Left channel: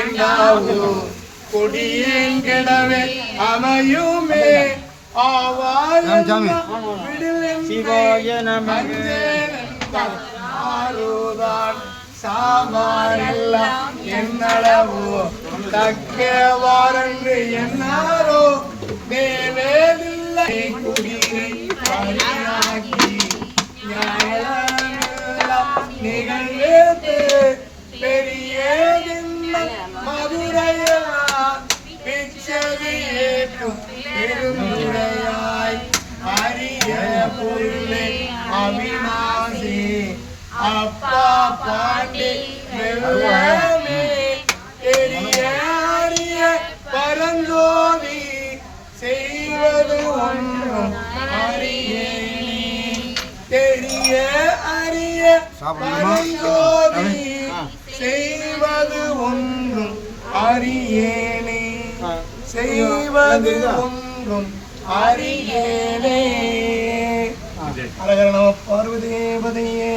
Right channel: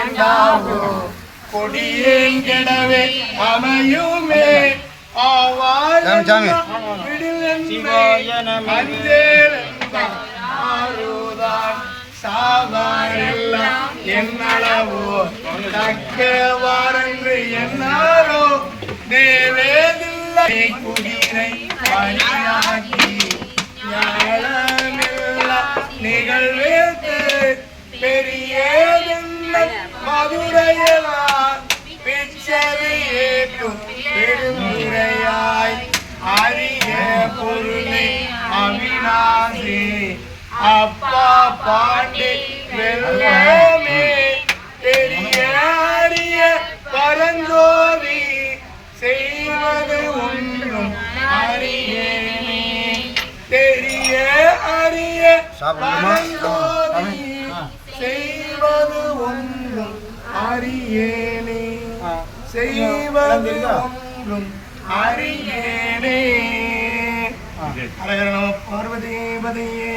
வேண்டாவோ கொடியேங்கெடவே அமையுமே ஆறுதான் சாவாரெல்லாம் என்னளவோ தக்கவாரென்று என்னாரோ தேவேதில்லை குதிரை பணியாக்கி ஞானமெல்லாம் நிகழ்வேற்று பெரியதென்ன மதுரையெல்லாம் பிச்சது ஏற்றும் பெருமுறையாய் அரிய பொருளே அவிநாசி அப்பா பாண்டி வெள்ளமே பெரிய அரிய பரஞ்சோதி செய்வது ஒன்றும் அறியேனே தெரிய அரிய பரஞ்சோதி செய்வது ஒன்றும் அறியேனே செய்வது ஒன்றும் அறியேனே. அழகர நம பார்வதேவதையே.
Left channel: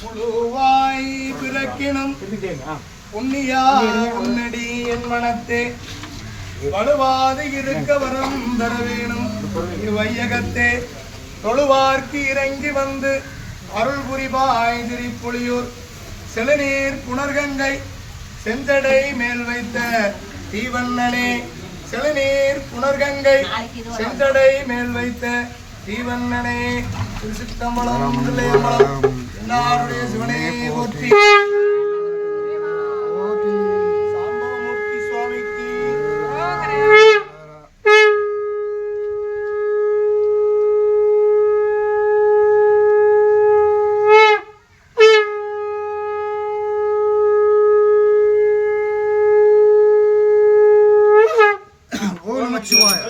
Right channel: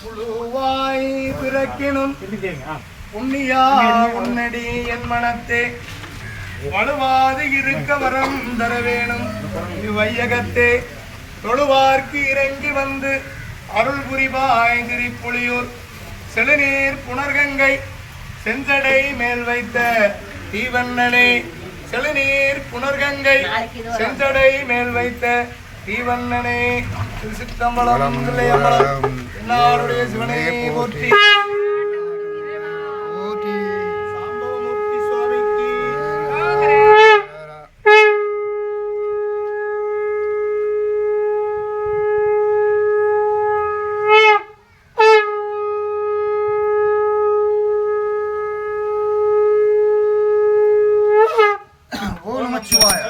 புழுவாய் பிறக்கினும் புண்ணியா உன்னடி என் மனத்தே வலுவாது இருக்க வரம் தர வேணும் வையகத்தே தொழுவார்க்கு இறங்கி வந்து அருள் புரிவாய் திரிப்புலியூர் செழுநீர் புனர்கங்கை செஞ்சடை மேல் வைத்த தீவண்ணனே செழுநீர் புனர்கங்கை செஞ்சடை மேல் வைத்த தீவண்ணனே சித்தம்பலம் எல்லாருடைய சிவனை போற்றி சாம்பவமூர்த்தி சுவாமிக்கு ஓ நமச்சிவாய.